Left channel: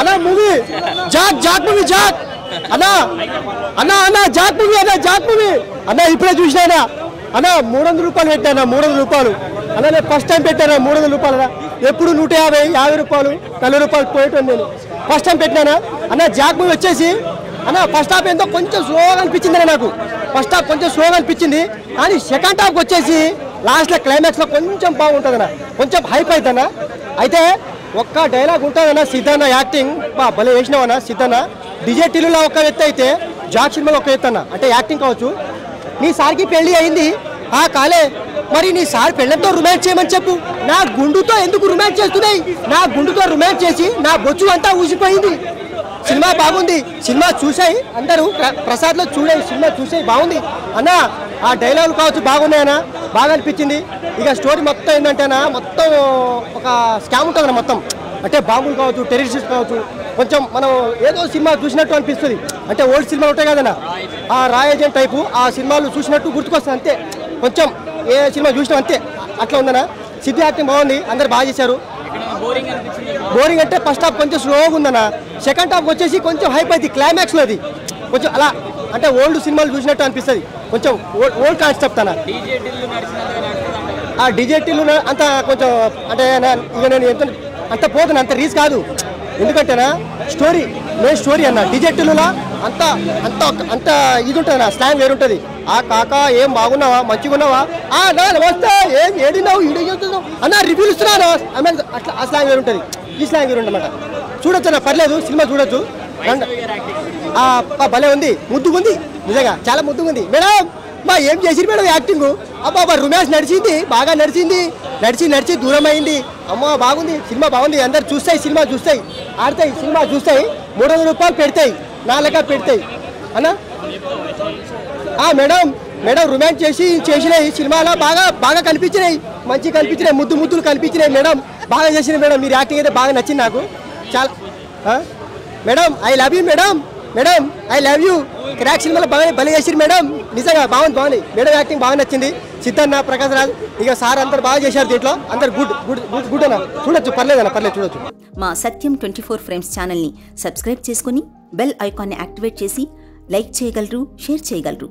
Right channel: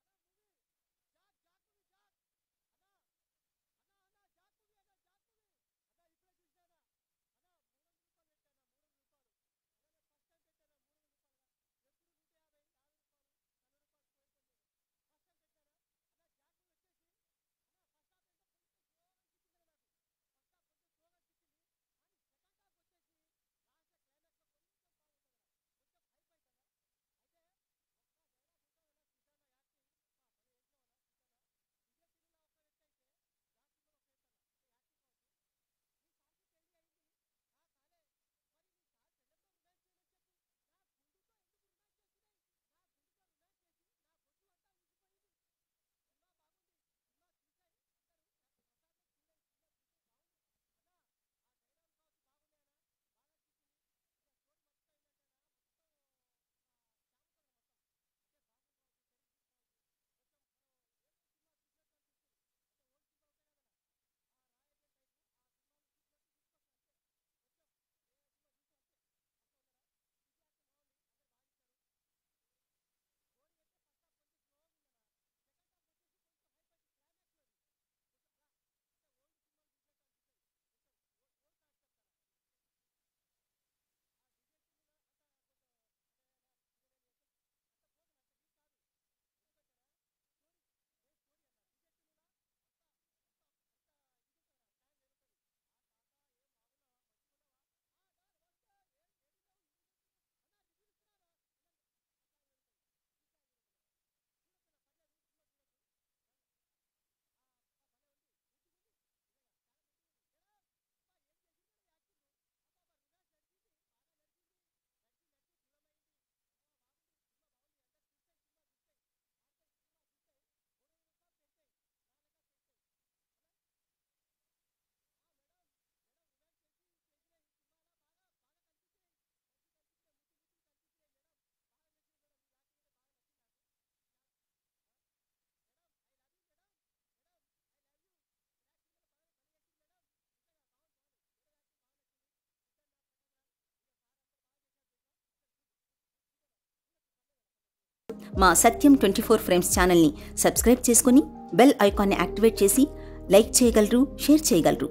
అన్న movie Jack movie Jack అన్న అన్న అన్న జాక్ మూవీ అన్న ఇప్పుడే చూసినా అన్న 300 రూపాయలు పెట్టాను 300 రూపాయలు అన్న నేను ఫస్ట్ టైం పెట్టాను 300 రూపాయలు ఎప్పుడు 150 రూపాయలు 40 రూపాయలు పోయేటాను నేను ఫస్ట్ టైం పెట్టినానా అన్న జాక్ మూవీ వచ్చేసి అన్న ఫస్ట్ హాఫ్ ఏందో కొంచెం స్లోగా అనిపించింది అన్న నాకు ఫస్ట్ హాఫ్ కొంచెం స్లోగా అనిపించింది కానీ సెకండ్ హాఫ్ వచ్చేసి లాస్ట్లో క్లైమాక్స్లో కొంచెం బాగుంటుందన్న కొంచెం హైప్ అవుతుందన్న అయితే ఒక్క డైలాగ్ ఉంటుందన్న సిద్ధన్న యాక్టింగ్ భలే వేసినావన్న సిద్ధన్న డిజెటీలో ఒక ఎత్తు అయితే జాక్ సినిమాలో ఒక ఎత్తు అన్న అంటే యాక్టింగ్ కావచ్చు నీ సార్కి పెళ్లి అయింది కాలే మరి నీ సార్ పెళ్ళంతో రొమాన్స్ చేయమని చెప్పు నా గుండుతో ఎందుకు రొమాన్స్ చేస్తున్నాయి నా గుండుతో రొమాన్స్ చేసి నా బొచ్చు అంతా ఊసిపోయింది సినిమా బాగుంది సినిమా చూసాయి అందరూ ప్రసాద్లో సినిమా చూసాయి బాగుంది అన్న ఆ డైలాగులు కావచ్చు బాగున్నాయన్నా బాగా అనిపించింది ఇక స్టోరీ మొత్తం ఏంటంటేనా మొత్తం ఒక స్కామ్ ఉంటుందన్న మొత్తం అంటే బాంబులు కావచ్చు టెర్రరిస్ట్ కావచ్చు కొంచెం మనం ఏదో సినిమా చూసినట్టు అనిపిస్తుంది అంటే ఓల్డ్ సినిమాలు ఉంటాయి కదన్నా ఆ రాయ్ ఏజెంట్ టైపు ఆ సినిమాలు చూసినట్టు గుర్తుకొస్తుంది అంతే కొంచెం ఏ సినిమా చూసినా అంతే అట్లా ఉందన్నా సిద్ధి యాక్టింగ్ బాగుంది అందరు బాగా చేశారు బోరింగ్ అంటే ఫస్ట్ హాఫ్ కొంచెం స్లోగా ఉందన్న సెకండ్ హాఫ్ వచ్చేసి కొంచెం హైప్ అవుతుంది క్లైమాక్స్లో అది కొంచెం అలా అంటే ఓల్డ్ సినిమాలు చూసినట్టు అనిపిస్తుంది కొంచెం ఓల్డ్ కాన్సెప్ట్ అన్న ఆ డిజెటీలు అంత కొంచెం అంటే ఇక నేను ఎంత అంత పోతున్నా అంత రీచ్ కాదు ఎందుకంటేనా మెయిన్ స్టోరీ అన్న డిజెటీలులా అంత అంత అంత ఇది ఉంటుంది అన్న స్లాంగ్ వేరుంటుంది కాక ఏం బాగున్నావా మంచిగా ఉన్నావా నా నమస్తే ఏం ఏడినావు ఈడేస్తున్నావు అన్న రివ్యూలు ఇస్తున్నాను అట్లా ఆ స్లాంగ్ వేరుంటుంది ఈ స్లాంగ్ వేరుంటన్నమాట చూడొచ్చు అన్న పర్లేదు సినిమా చూడొచ్చు భలే ఉంది ముద్దుగా ఉంది నిజంగా చాలా ముద్దుగా ఉంది మేడం ఏం చేసిరు మేడం యాక్టింగ్ అబ్బా రొమాన్స్ నడిచింది బాగా నడిచి దూరం అయింది అమ్మ బాగుంది సినిమా బాగుంది అందరు సినిమా చూస్తాయి ఆడతాయి సినిమా చూస్తాయి 300 రూపాయలు పెడతాయి నా లెక్క పెడతాయి అన్న మేడం రొమాన్స్ చేసినాయి సినిమాలో బాగా కనిపించినాయి మంచి కనిపించినాయి ముద్దులు కనిపించినాయి మేడం బాగా చేసినాయి మేడం మీరు యాక్టింగ్ అయితే బాగా నచ్చింది నాకు చాలా madam I love you madam I love you crack సినిమాలో బాగా భలే చేసిరు మేడం నిజంగా బాగుంది మేడం యాక్టింగ్ బాగా నచ్చింది సిద్ధన్న ప్రకాశ్ రాజ్ ఇక సార్ అందరు బాగా చేశారు దీంట్లో అందరు గుడ్ అన్న చూడొచ్చు పర్లేదు చూడొచ్చు మా సత్యం 24 ఫ్రేమ్స్ ఛానల్ని సబ్స్క్రైబ్ చేసుకుని బెల్ ఐకాన్ని యాక్టివేట్ చేసి లైక్ చేయగలరు షేర్ చేయగలరు